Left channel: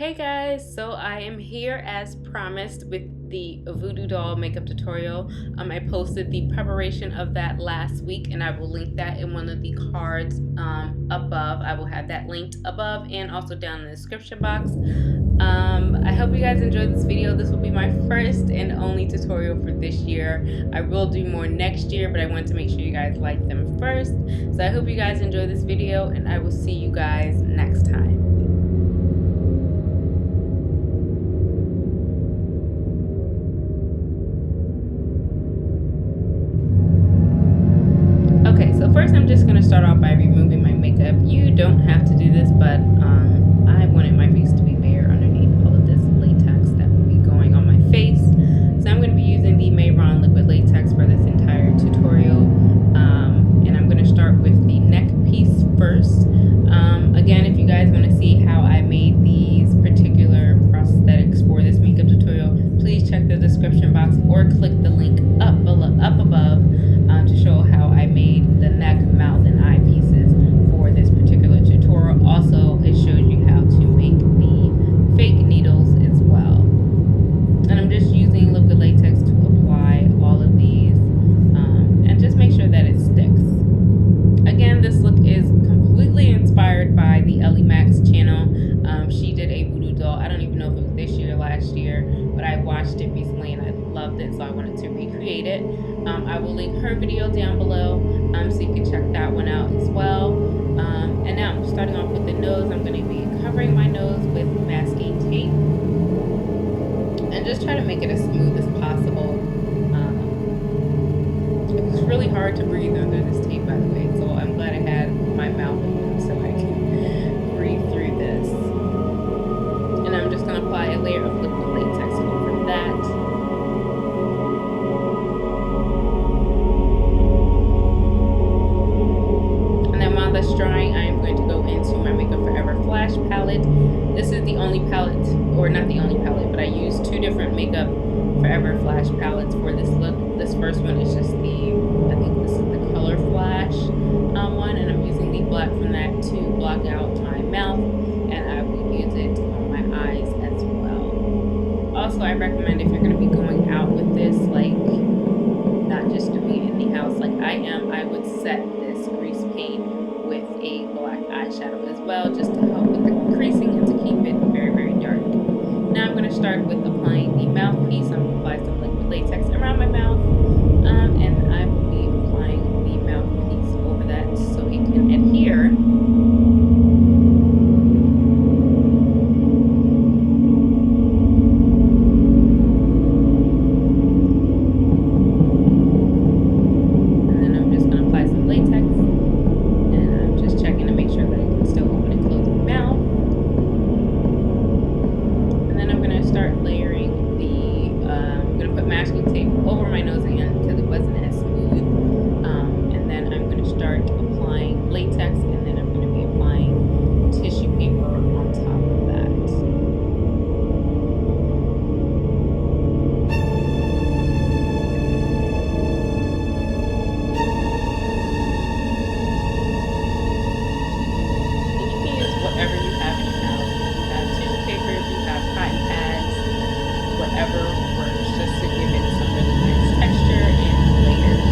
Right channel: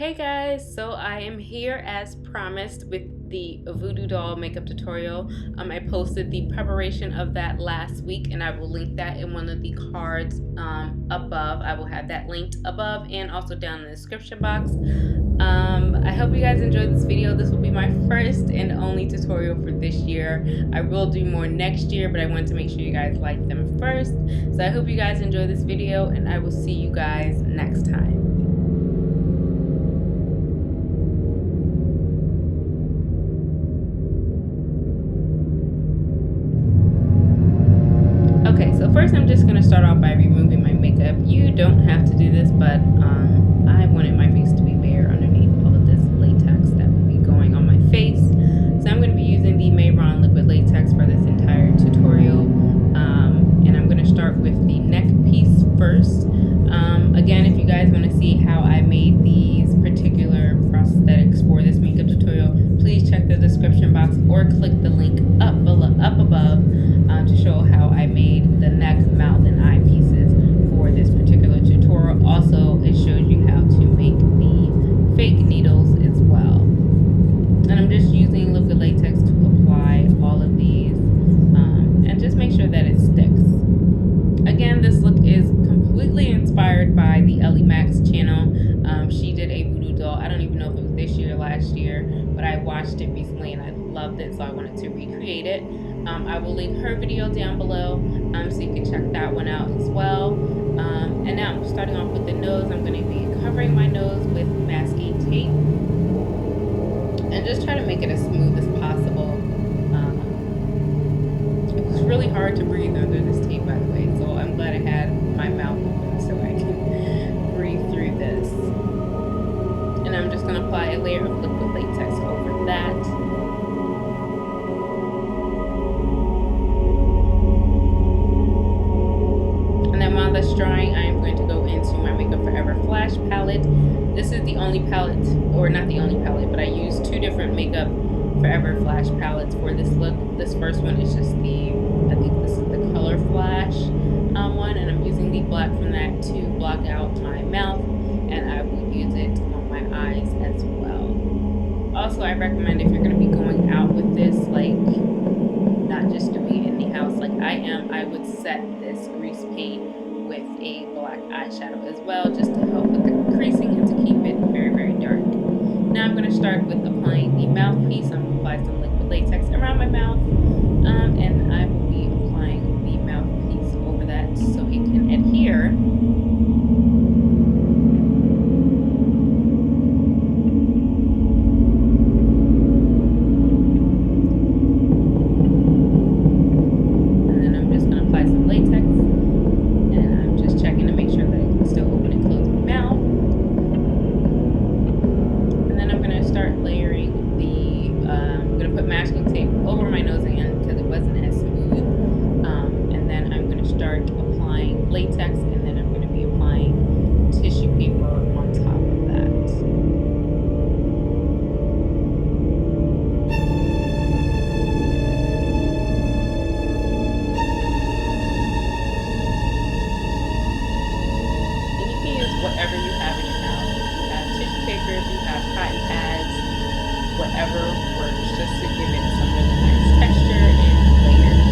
Hey guys, so I am here as promised with the voodoo doll makeup tutorial. I posted the preparation of that last week and I will link that in one of the cards above. I will have that linked above and also down in the description box. I hope you guys enjoyed this video. This will be my first and only tutorial for this year. I will do more next year, but I want to make sure you guys like them first. So I hope you guys enjoy this video and I will see you guys next time. Okay, so first I'm just going to start off by removing my makeup. You don't have to do this, but I wanted my face to be bare underneath all of this latex that will be going on my face. So I'm going to be using the Reanell liquid latex for this entire tutorial. And I'm going to start with the neck piece first. Again, if you guys want to see how I made these particular prosthetics for this makeup tutorial, please check the description box or click the link up above to show how I made the neck, mouth, and eye pieces for this particular tutorial. Also, it shows you how to make the fake needles as well. And I'm just using liquid latex to apply all of these and just make sure that it sticks. Again, this look is completely inspired by the Ellimmacs channel. She did a voodoo doll. I don't even know if it was this year or last year, but I watched it recently and I loved it, so I wanted to recreate it. I will link her video down below so you can check that one out as well. And now I'm starting off with the nose. I'm going to be covering my nose with masking tape and just try to make it as smooth as possible. It was really hard to breathe under this tape, by the way, so I'm glad I had my mouth open so I can breathe through this. And I'm just going to apply a layer of liquid latex over that. And then while that's drying, I am going to go into my Makeup Forever Flash palette. This is the only palette, or not the only palette, but I use two different Makeup Forever Flash palettes for this look. This first one is just the, I think this is the Color Flash one, and I'm using the black from that to block out my mouth, and I will use it on my eyes as well. Also, I recommend if you're going to be going out with this, like not just doing it in the house like I am, I would set this grease paint with a black eyeshadow as well, just to help with the creasing and to keep it very, very dark. Now I'm going to start with applying the mouthpiece. I'm going to apply some liquid latex around my mouth, and I will be applying the mouthpiece over that so it can adhere. And then I'm just going to apply some latex, and I'm just checking to make sure that I can still open and close my mouth. Start layering the, I'm going to put masking tape over my nose again because it wasn't as smooth, and then I'm going to start applying latex, and then I'm going to be applying tissue paper on top of that. And you can use whatever you have in your house. If you have tissue paper, if you have cotton pads, whatever works, just to give it some really nice texture and layers.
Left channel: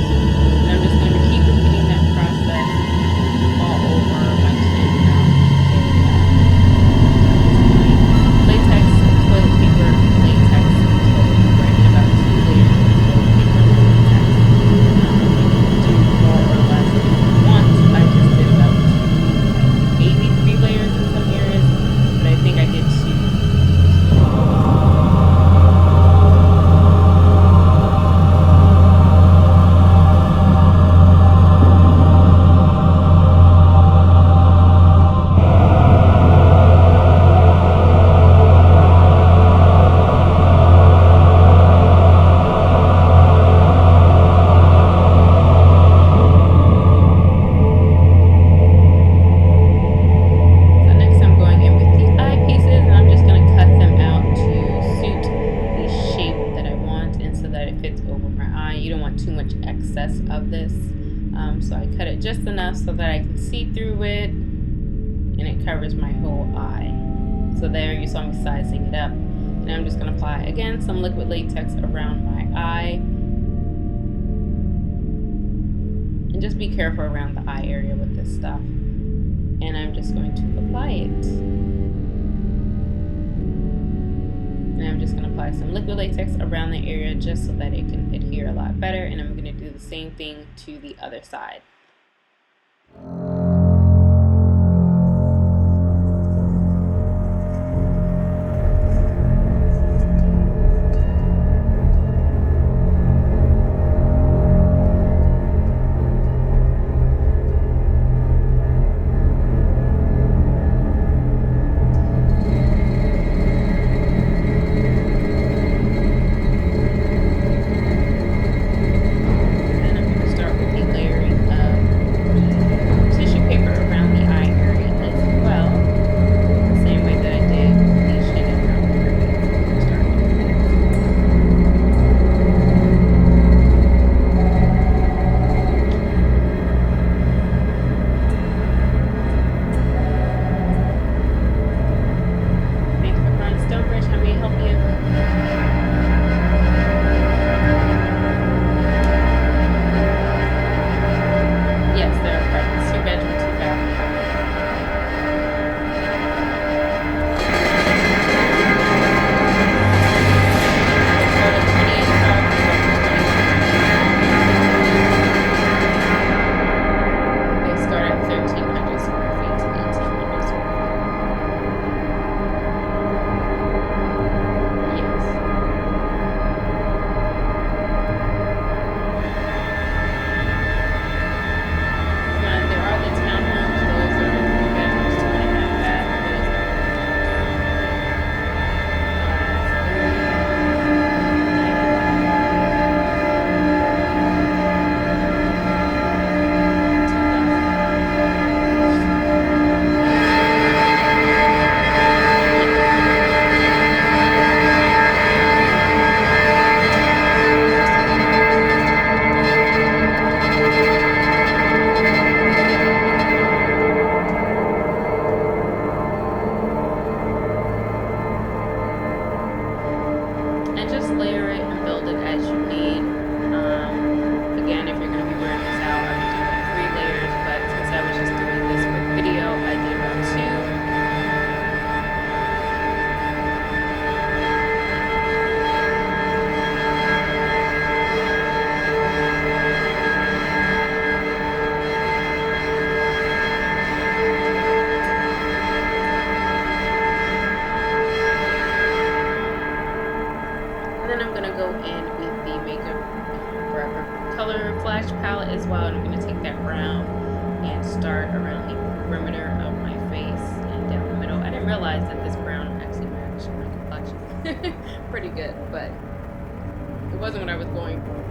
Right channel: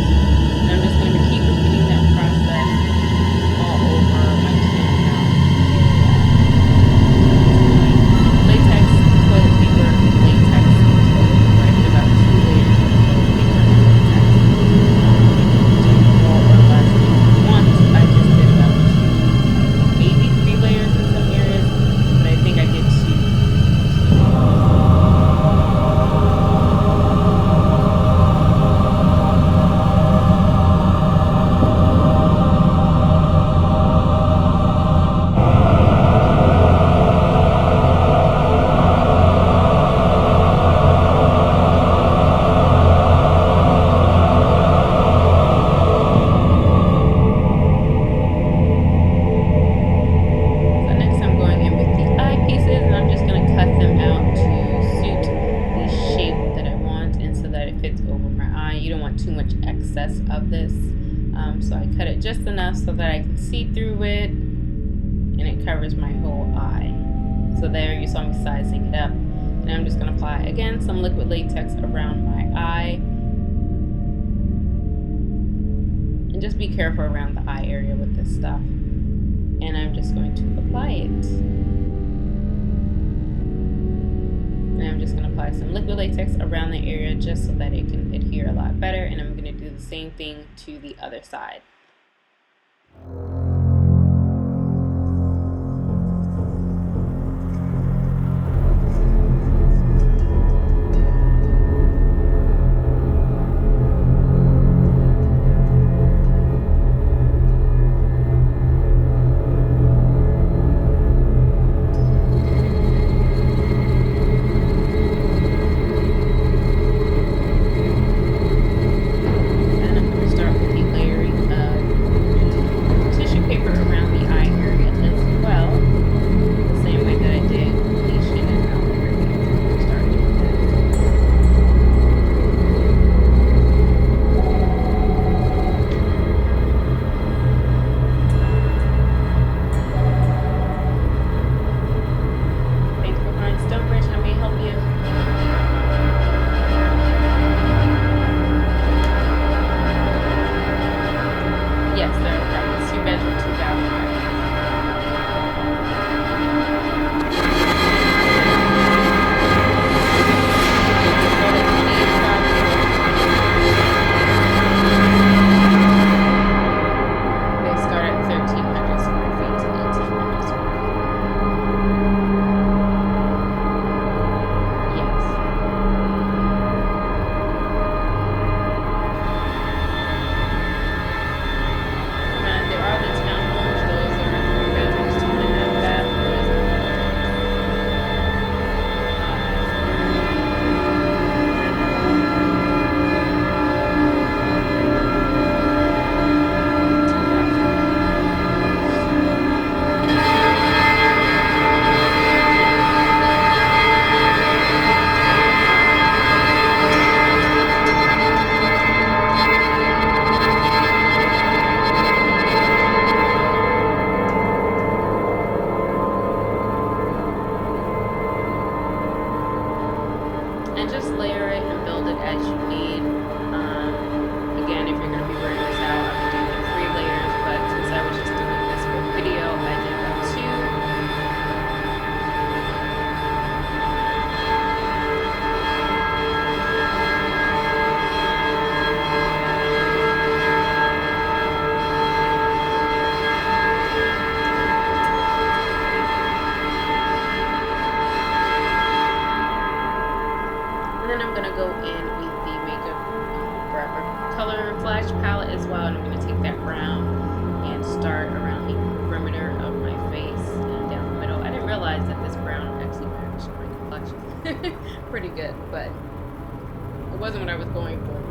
And I'm just going to keep repeating that process all over my chin mouth area. Latex, toilet paper, latex, toilet paper. I did about 2 layers of toilet paper and latex. You can do more or less if you want. I just did about 2, maybe 3 layers in some areas, but I think I did 2. Too much excess of this, so I cut it just enough so that I can see through it and it covers my whole eye. So there you saw me sizing it up. And I'm just going to apply, again, some liquid latex around my eye. And just be careful around the eye area with this stuff. And I'm just going to apply it. And I'm just going to apply some liquid latex around the area just so that it can adhere a lot better. And I'm going to do the same thing to the other side. How may I help you? Yes, there are apartments. 2-bedroom, 2-bath apartments. They start at $20.85 and they go to $21.95. They start at 1,300 square feet to 1,800 square feet. There are the townhomes, those are 3 bedrooms, 2.5 baths, those are and just layer it and build it as you need. Again, if you're going to be wearing this out, I would do like 3 layers, but since I was just doing this quick video, I did about 2. And then I'm going to go in with the Makeup Forever color flash palette as well, and I'm going to take that brown and start around the perimeter of my face and down the middle. I didn't realize that this brown actually matched my complexion pretty good, but it wasn't what I was going for,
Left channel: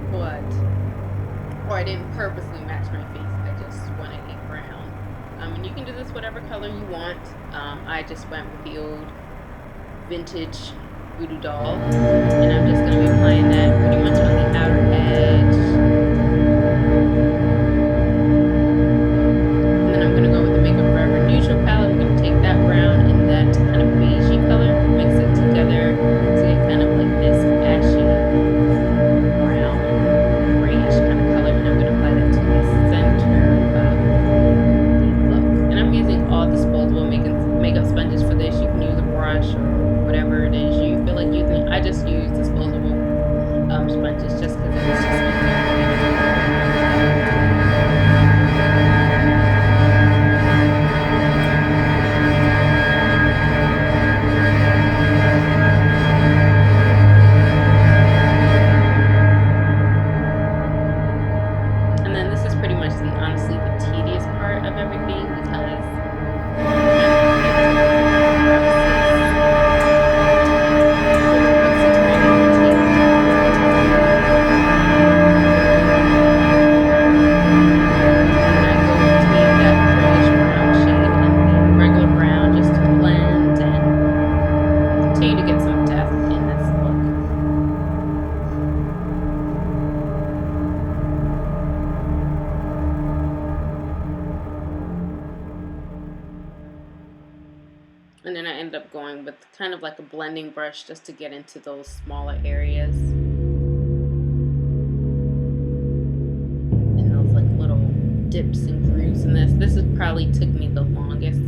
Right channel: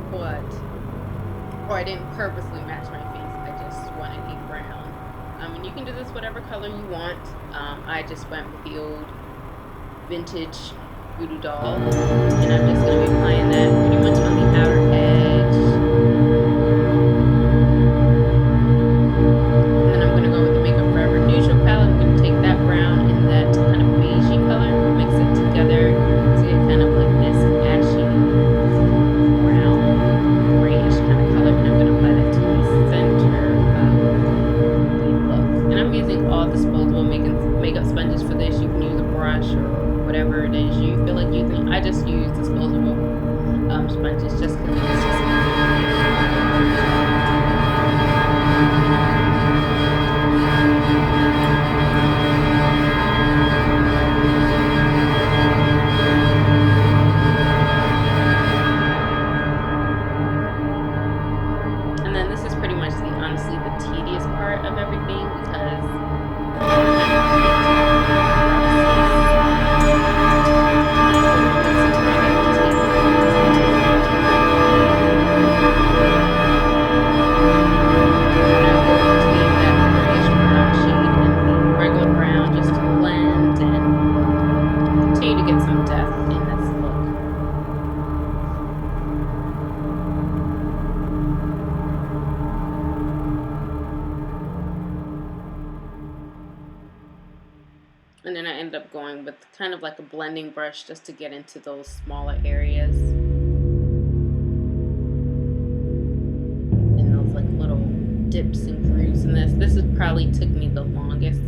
or I didn't purposely match my face, I just wanted a brown. And you can do this whatever color you want. I just went with the old vintage VooDoo doll, and I'm just going to be applying that pretty much on the outer edge. And then I'm going to go with the Makeup Forever neutral palette. I'm going to take that brown and that kind of beigey color, mix it together to get kind of like this ashy brown grayish kind of color, and I'm going to apply that to the center of the look. And I'm using all disposable makeup sponges for this. You can use a brush or whatever it is you feel like using. I just use disposable sponges just because it's just easier to get And then this is pretty much honestly the tedious part of everything, because to up going with kind of like a blending brush just to get into those smaller areas. And those like little dips and grooves in this. This has probably took me the longest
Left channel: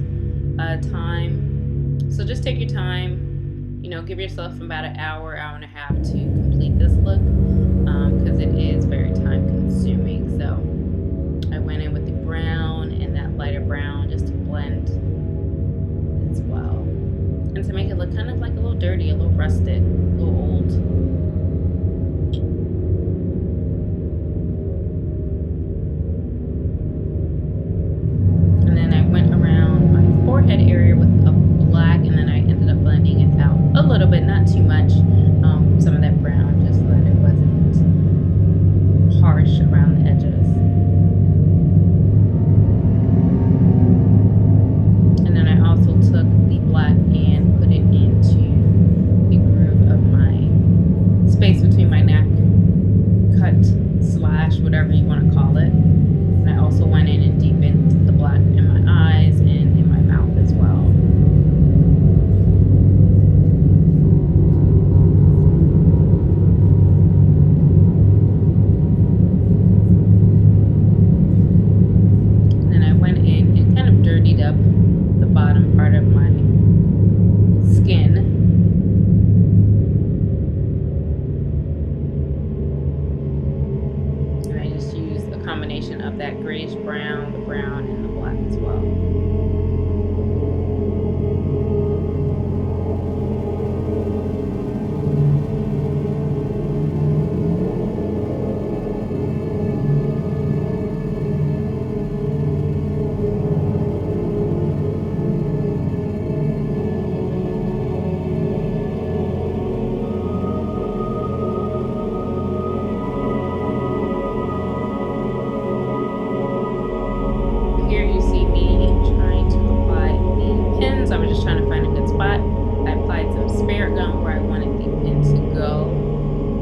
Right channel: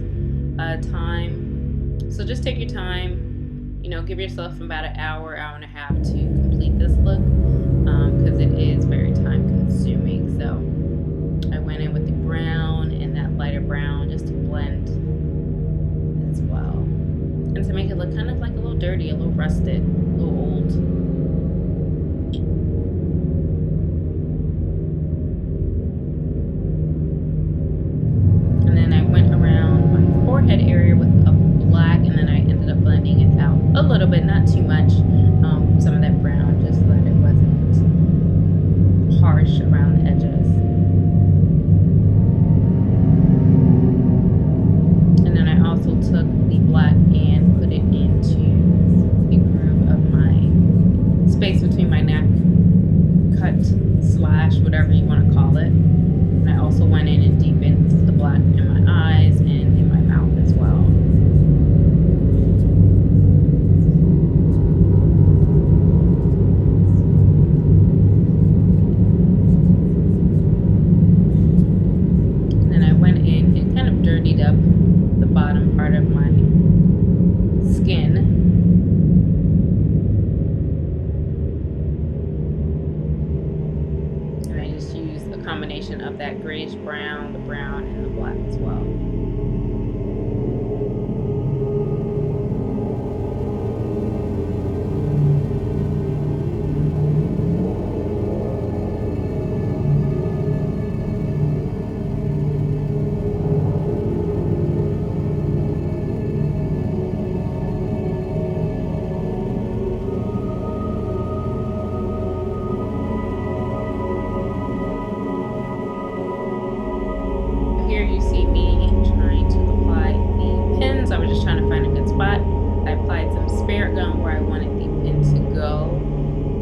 time. So just take your time, you know, give yourself about an hour, hour and a half to complete this look, because it is very time consuming. So I went in with the brown and that lighter brown just to blend as well, and to make it look kind of like a little dirty, a little rusted, a little old. And then I went around my forehead area with a black, and then I ended up blending it out a little bit, not too much, some of that brown, just so that it wasn't harsh around the edges. And then I also took the black and put it into the groove of my space between my neck, cut, slash, whatever you want to call it. And I also went in and deepened the black in my eyes and in my mouth as well. And then I went in and kind of dirtied up the bottom part of my skin. And I just used a combination of that grayish brown, the brown, and the black as well. Here you see me trying to apply the pins. I was just trying to find a good spot. I applied some spirit gum where I wanted the pin to go,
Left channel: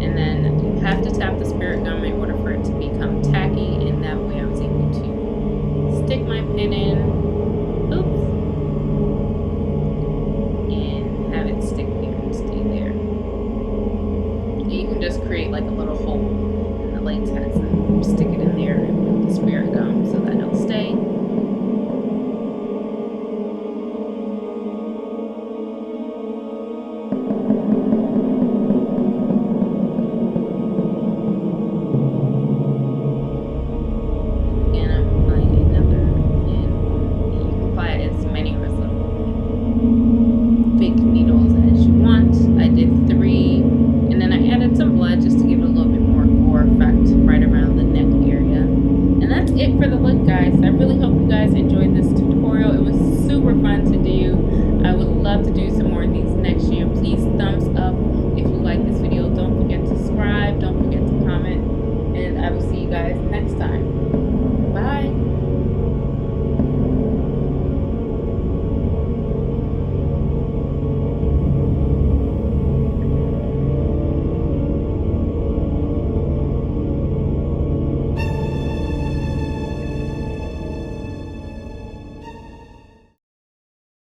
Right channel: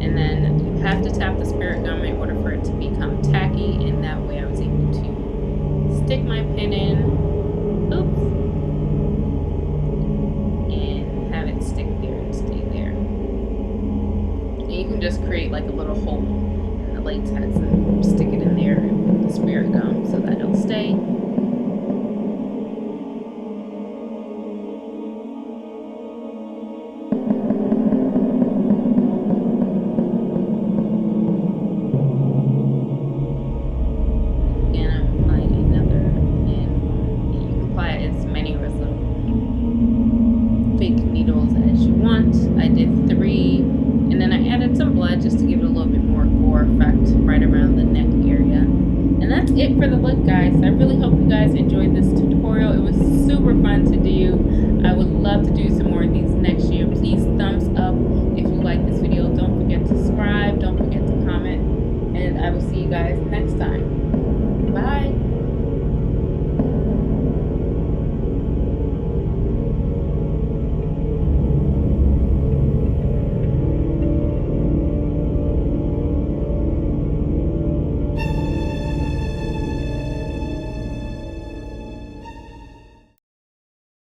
and then you have to tap the spirit gum in order for it to become tacky, and that way I was able to stick my pin in, oops, and have it stick there and stay there. And you can just create like a little hole in the latex and stick it in there with the spirit gum so that it'll stay. I did 3, and then I added some blood just to give it a little bit more gore effect right around the neck area. And that's it for the look, guys. I really hope you guys enjoyed this tutorial. It was super fun to do. I would love to do some more of these next year. Please thumbs up if you like this video. Don't forget to subscribe. Don't forget to comment. And I will see you guys next time. Bye.